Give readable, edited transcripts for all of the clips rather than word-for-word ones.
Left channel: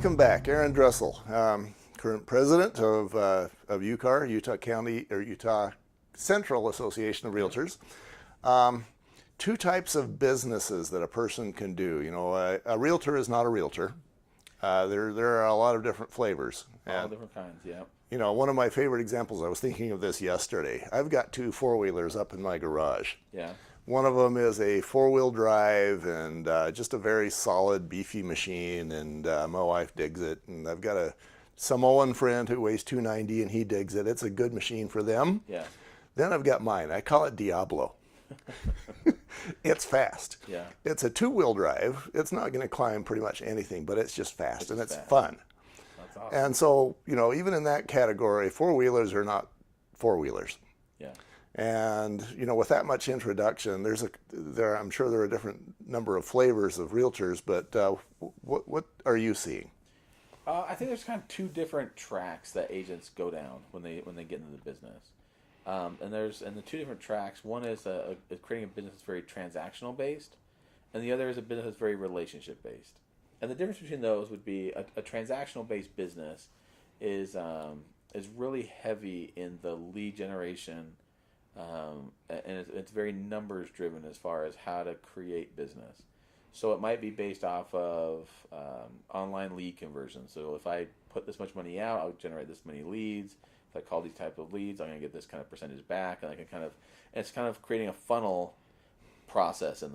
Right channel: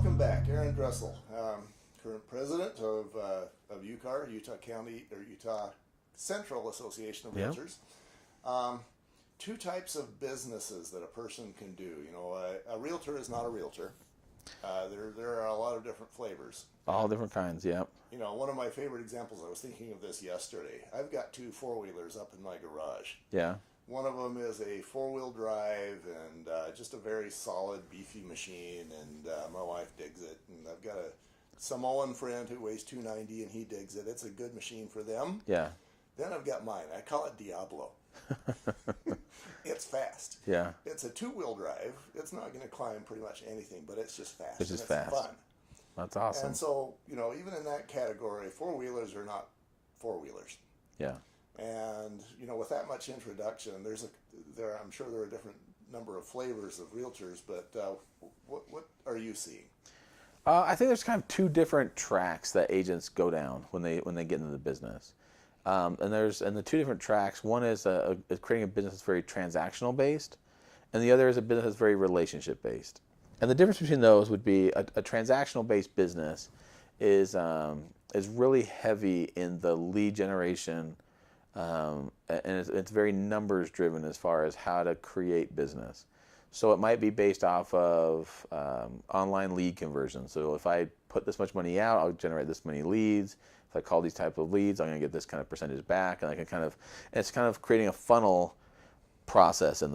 welcome back, Aaron Dressel, current president of UCAR, Utah County or Utah Central Association of Realtors. Two types of businesses that a person can do. You know, a realtor is not a realtor. There are a lot of different flavors. All different kinds, yeah. You know, one of my favorite examples, I was thinking of this yesterday. I've got two four-wheelers up in my garage. Yeah. One of them is a four-wheel drive and just a very solid, beefy machine, and my wife digs it. And I've got a Samoan friend who weighs 290, and he digs it. It's a good machine for them. Yeah. Then I've got mine. I call it Diablo. It's fast. Yeah. It's a two-wheel drive. It's not going to climb pretty much anything, but it's just fast, and it's fast. fun. That's awesome. And so, you know, even in that category, four-wheelers are not four-wheelers. Yeah. And, you know, with that much introduction, I'm sure there are a different number of flavors of realtors, but what are you seeing? I think there's kind of two different tracks that agents go down when they get into the business. And the two different tracks, one is creating a business that's very transactional based, and the other is a business that's very relationship based. And the difference between those would be a transactional based business is really heavy in the lead generation, and it's very numbers driven as far as how to create business. So it might be based off of online lead conversion. So if I put this much money out, I'll generate this many leads. If I call these type of leads, I'm going to get this kind of percentage back, and it's kind of creating a funnel process. And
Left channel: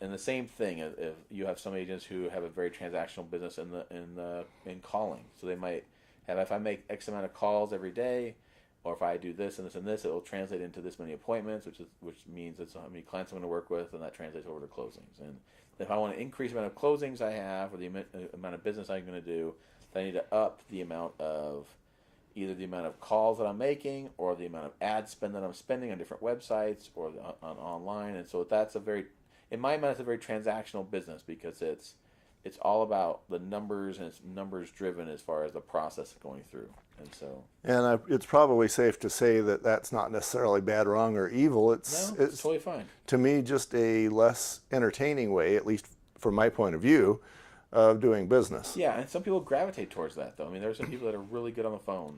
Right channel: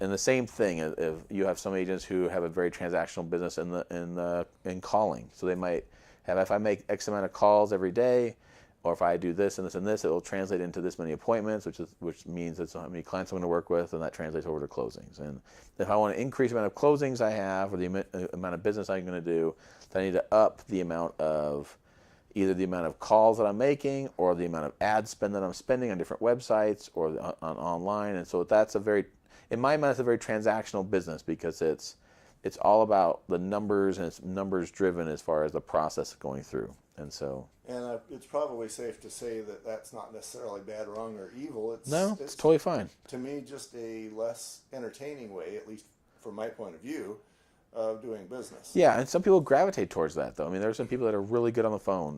the same thing, if you have some agents who have a very transactional business in calling, so they might have, if I make X amount of calls every day, or if I do this and this and this, it will translate into this many appointments, which means it's how many clients I'm going to work with, and that translates over to closings. And if I want to increase the amount of closings I have, or the amount of business I'm going to do, then I need to up the amount of either the amount of calls that I'm making, or the amount of ad spend that I'm spending on different websites or on online. And so that's in my mind, it's a very transactional business, because it's all about the numbers, and it's numbers driven as far as the process going through. And so, it's probably safe to say that that's not necessarily bad, wrong, or evil. It's totally fine. To me, just a less entertaining way, at least from my point of view, of doing business. Yeah, and some people gravitate towards that, though. I mean, there are some people that are really good on the phone,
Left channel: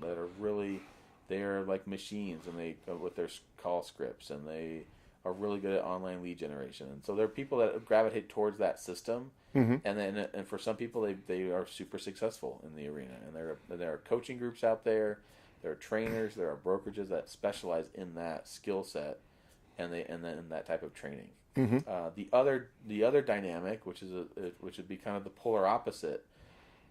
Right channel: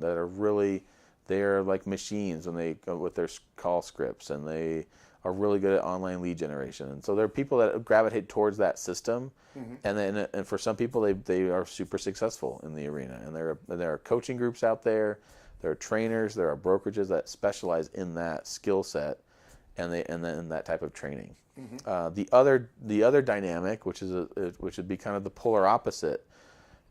they're like machines, and they go with their call scripts, and they are really good at online lead generation. And so there are people that gravitate towards that system, and for some people, they are super successful in the arena. And there are coaching groups out there, there are trainers, there are brokerages that specialize in that skill set, and then that type of training. The other dynamic, which would be kind of the polar opposite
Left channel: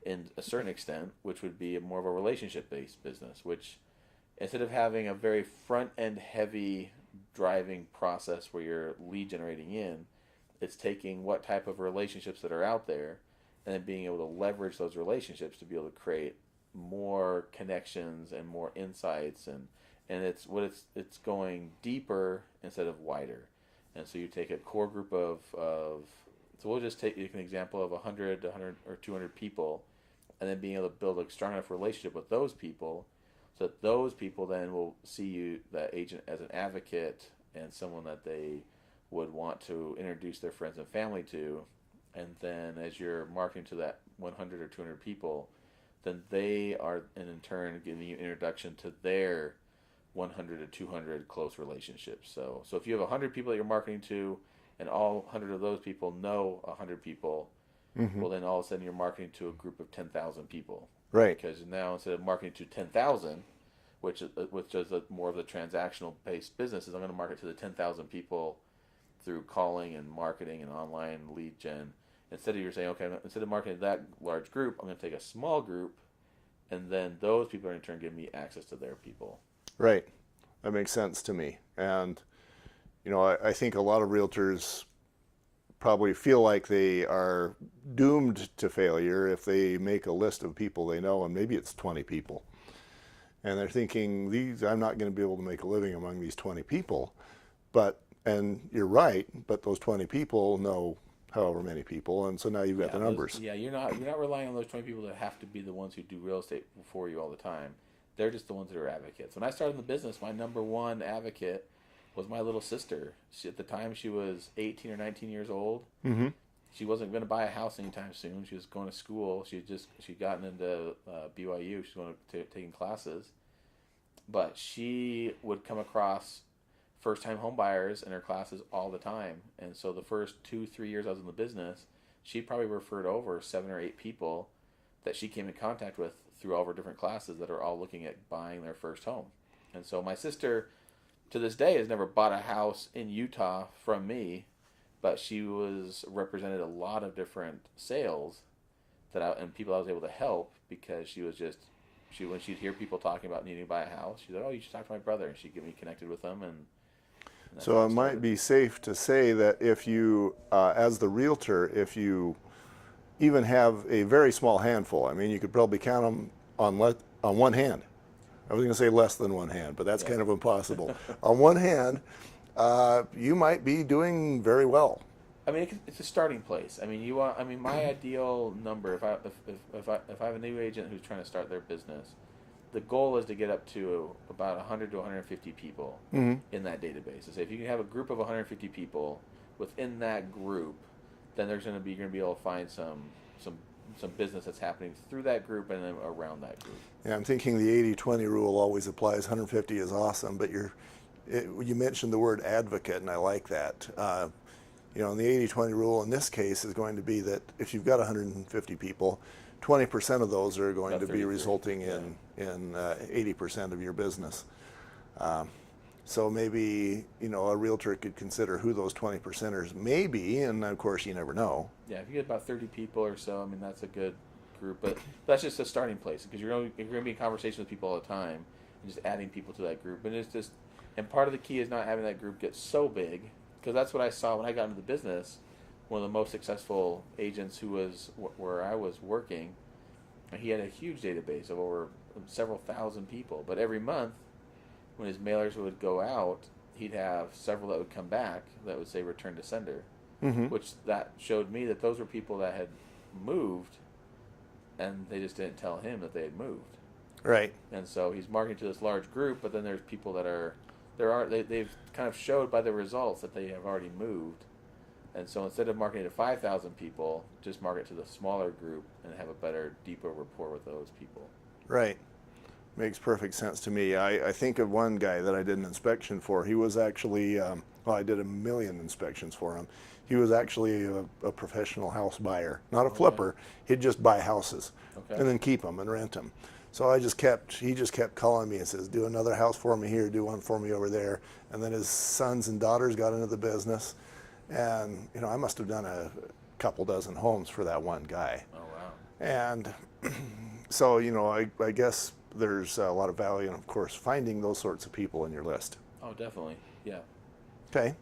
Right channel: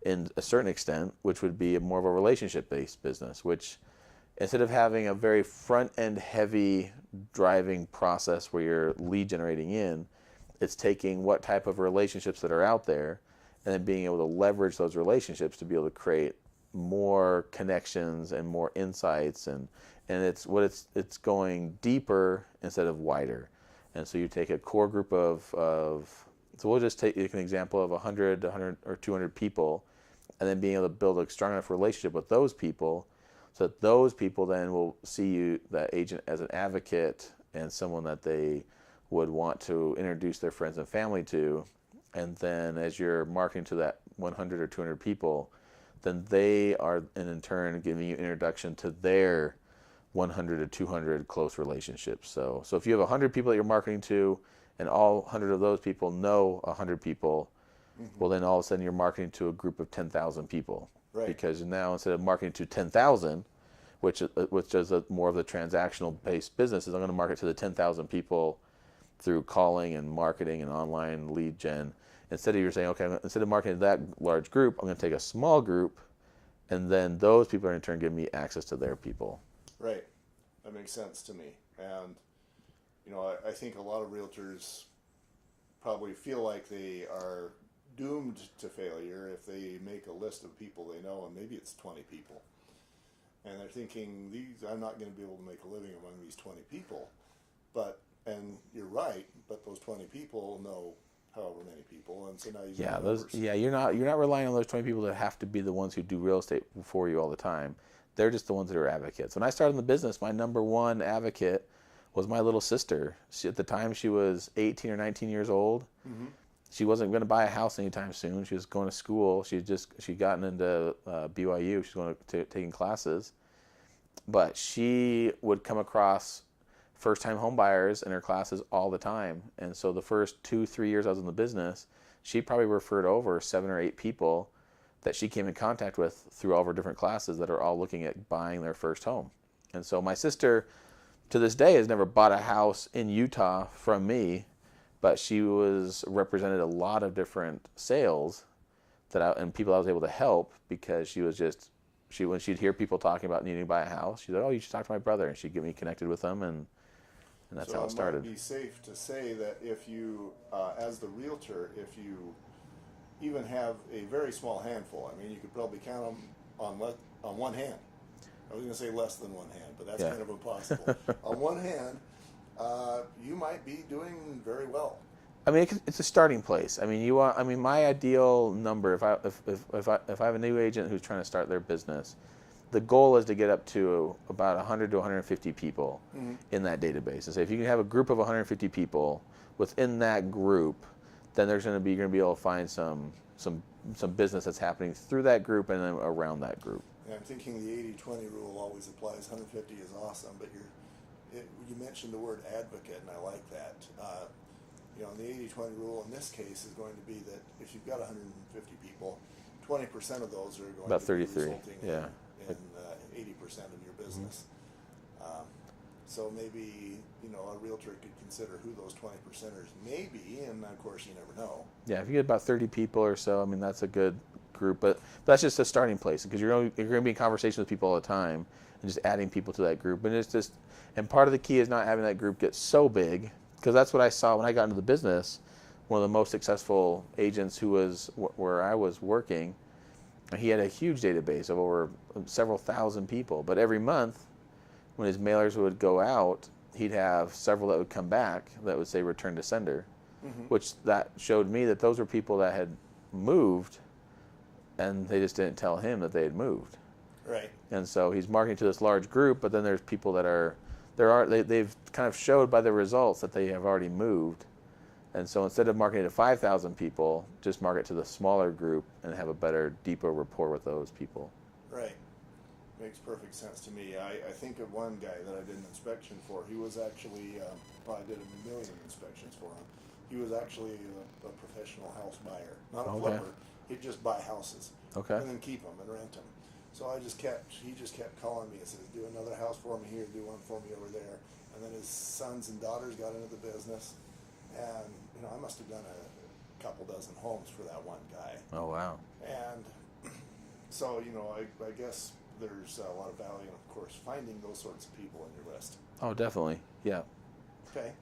in a certain extent, which would be more of a relationship-based business, which instead of having a very front-end heavy driving process where you're lead generating in, it's taking what type of relationships that are out there and then being able to leverage those relationships to be able to create more connections and more insights, and it's going deeper instead of wider. And so you take a core group so we'll just take an example of 100 or 200 people, and then being able to build a strong enough relationship with those people, so that those people then will see you, that agent, as an advocate and someone that they would want to introduce their friends and family to. And then as you're marketing to that 100 or 200 people, then they are in turn giving you introduction to their 100 to 200 close relationships. So if you have 100 people that you're marketing to, and all 100 of those people know 100 people, well, then all of a sudden you're marketing to a group of 10,000 people. Right. Because now, instead of marketing to 10,000, which is more of the transactional based business, is I'm going to market to the 10,000 people through calling and marketing and online lead gen. Instead of marketing to that large group, I'm going to take a small group, and then those people are in turn giving me access to their people. Right. That makes sense to me. And, you know, I think a lot of realtors probably feel like they are doomed to failure if they make a list of people they know, and maybe it's 20 people. And they're thinking, I'm not going to be able to make a living among these 20 people. And you're right, but those 20 people know however many people, and so now you've got the numbers. You're not relying on those 20 people that have to be the ones who do real estate for you all the time. They're just the ones that are advocates. When I started in the business, my number one advocate was my little sister. At the time, she was 18 or 19 years old. She wasn't going to buy a house anytime soon. She was going to school. She'd gotten into BYU. She was going to taking classes, but she would come across first-time home buyers in her classes all the time. And so the first 2-3 years I was in the business, she probably referred over 7 or 8 people that she came in contact with through all of her different classes that are all looking at buying their first home. And so my sister, to this day, has never bought a house in Utah from me, but she represented a lot of different sales and people I was able to help, because when she'd hear people talking about needing to buy a house, she'd like, oh, you should talk to my brother, and she'd get me connected with them, and that's how So it it started. might be safe to say that if you, as the realtor, if you even have a very small handful, I mean, you could probably count them on one hand. I was going to say less than one hand, but that's kind of impossible. On one hand, you might be doing very well. I mean, it's a starting place. I mean, my ideal number, if I have a new agent who's trying to start their business, the goal is to get up to about 100 to 150 people in that database. So if you can have a group of 150 people within that group, then you're going to be able to find some business that's happening through that group and then around that group. Yeah, I'm thinking the 80-20 rule always applies. 150 is awesome, but you mentioned the word advocate, and I like that. And the 80-20 rule in this case is going to be that if you've got 150 people, 20% of those are going to be resulting in 80% of your business. So maybe, a realtor could consider who those 20%ers may be, and of course you never know. Yeah, if you get about 30 people or so, I mean, that's a good group, but that's just a starting place, because you're going to be in conversation with people all the time and just adding people to that group. And part of the key is not having that group get so big, because that's what I saw when I got into the business. One of the most successful agents who was where I was working, he had a huge database of over several thousand people, but every month when his mailers would go out, he'd have several that would come back that would say return to sender, which that showed me that those were people that had moved, and they just didn't tell him that they had moved. Right. And so he's marketing to this large group, but then there's people that they've kind of showed by the results that they have already moved. And so instead of marketing to 5,000 people, just market to the smaller group and have a better, deeper rapport with those people. Right. Makes perfect sense to me. I think of one guy that I did an inspection for. He was actually, I did 1 million inspections for him. He was actually a professional house buyer, not a flipper. He'd just buy houses and then keep them and rent them. So he just kept calling me and says, do another house for me here, do one for me over there. And then his sons and daughters got into the business. And, I must have done a couple dozen homes for that one guy. Oh, wow. And so, I guess there's a lot of value in, of course, finding those sorts of people in your list. Oh, definitely. Yeah. Okay.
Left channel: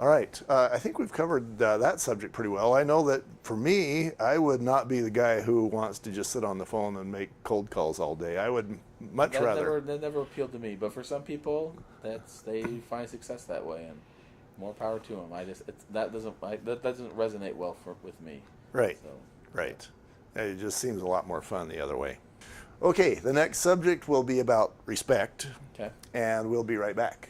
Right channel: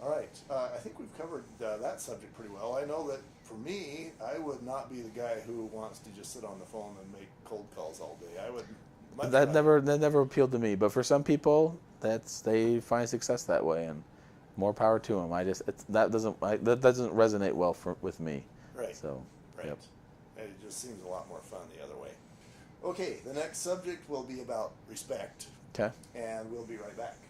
All right. I think we've covered that subject pretty well. I know that for me, I would not be the guy who wants to just sit on the phone and make cold calls all day. I would much rather. That never appealed to me. But for some people, they find success that way, and more power to them. That doesn't resonate well with me. Right. So. Right. Yep. It just seems a lot more fun the other way. Okay. The next subject will be about respect. Okay. And we'll be right back.